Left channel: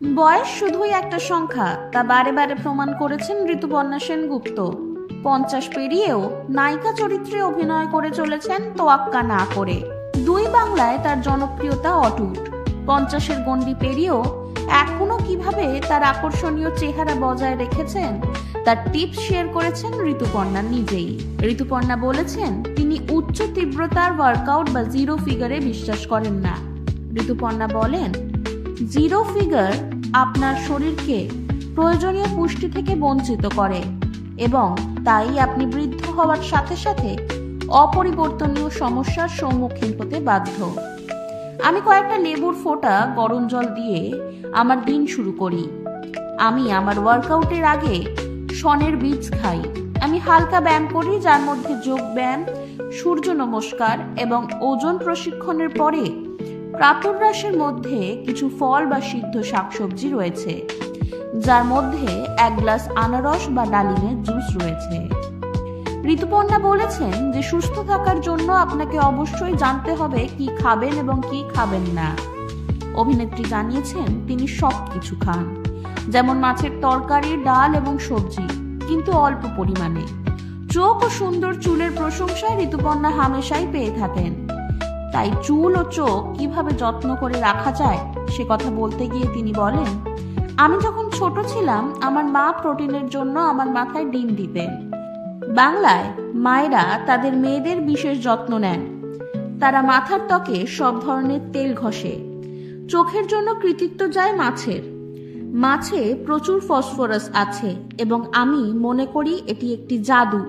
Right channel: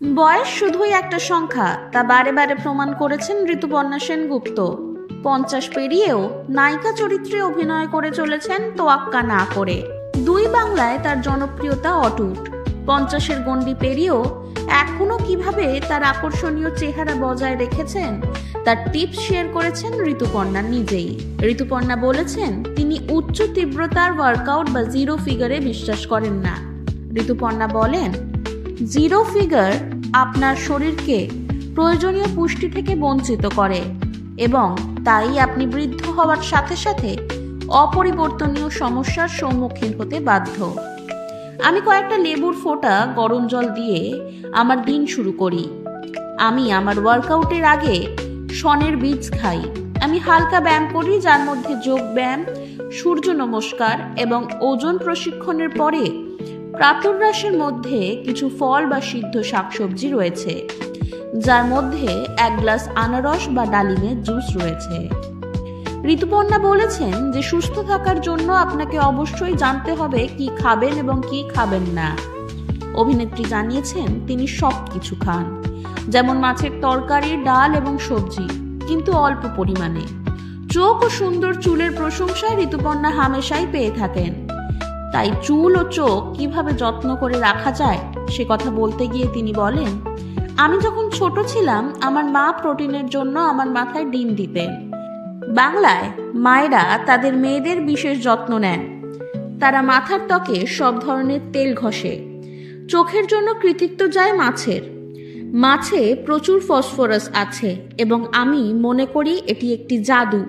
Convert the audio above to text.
বয়স শুধুই একটা সংখ্যা, তা বারে বারে প্রমাণ করেছেন ঋতুপর্ণা সেনগুপ্ত। 50 পেরিয়েও নায়িকা চরিত্রে অভিনয় করে চলেছেন তোয়াক্কা না করে। দুই বাংলায় তার জনপ্রিয়তা অটুট। 50-এর গণ্ডি পেরিয়েও এখনো কিভাবে তার আকর্ষণীয় চেহারা বজায় রেখেছেন তার টিপস শেয়ার করেছেন ঋতুপর্ণা নিজেই। ঋতুপর্ণা বলেছেন তিনি উচ্চ তীব্রতার ওয়ার্কআউট বা জিরো ফিগারে বিশ্বাস করেন না। ঋতুপর্ণা বলেন, জিরো ফিগার আপনার শরীরকে প্রয়োজনীয় পুষ্টি থেকে বঞ্চিত করে এবং তাই আপনি বৃদ্ধ হওয়ার সাথে সাথে অপরিবর্তনীয় সমস্যার সম্মুখীন হতে বাধ্য। আমি কয়েকটা লেবুর ফোঁটা গরম জল দিয়ে আমার দিন শুরু করি। আমি আমার ওয়ার্কআউটের আগে শনের বীজ খাই। আমি হালকা ব্যায়াম করি, যার মধ্যে যোগ ব্যায়াম, সূর্য নমস্কার এবং ওজন প্রশিক্ষণের পরে প্রাতরাশের মধ্যে কিছু ফল বা সিদ্ধ শাকসবজি রয়েছে, যার মধ্যে 1 গ্লাস আনারস বা ডালিমের জুস রয়েছে। ঋতুপর্ণা বলেছেন যে সুস্থ থাকার জন্য আপনাকে অবশ্যই জানতে হবে কি খাবেন এবং কি খাবেন না। অভিনেত্রী জানিয়েছেন তিনি সব কিছু খান, যেমন মাছের তরকারি, ডাল এবং সবজি, কিন্তু অল্প পরিমাণে। চোখ ও সুন্দর চুলের প্রশংসায় ঋতুপর্ণা হামেশাই পেয়ে থাকেন। তাই চুল ও চোখ কিভাবে যত্ন করে রাখা যায় সে কথা বলতে গিয়ে তিনি বলেন, আমি যখন ছোট ছিলাম আমার মা প্রোটিনের জন্য আমার মাথায় ডিম দিতেন। বাংলায় মায়েরা তাদের মেয়েদের বিশেষ যত্ন নেন। তারা মাথার ত্বকে সব ধরনের তেল ঘষে। চোখের জন্য কৃতিত্ব যায় মাছের। মাছে প্রচুর ফসফরাস আছে এবং আমি মনে করি এটি একটি জাদু।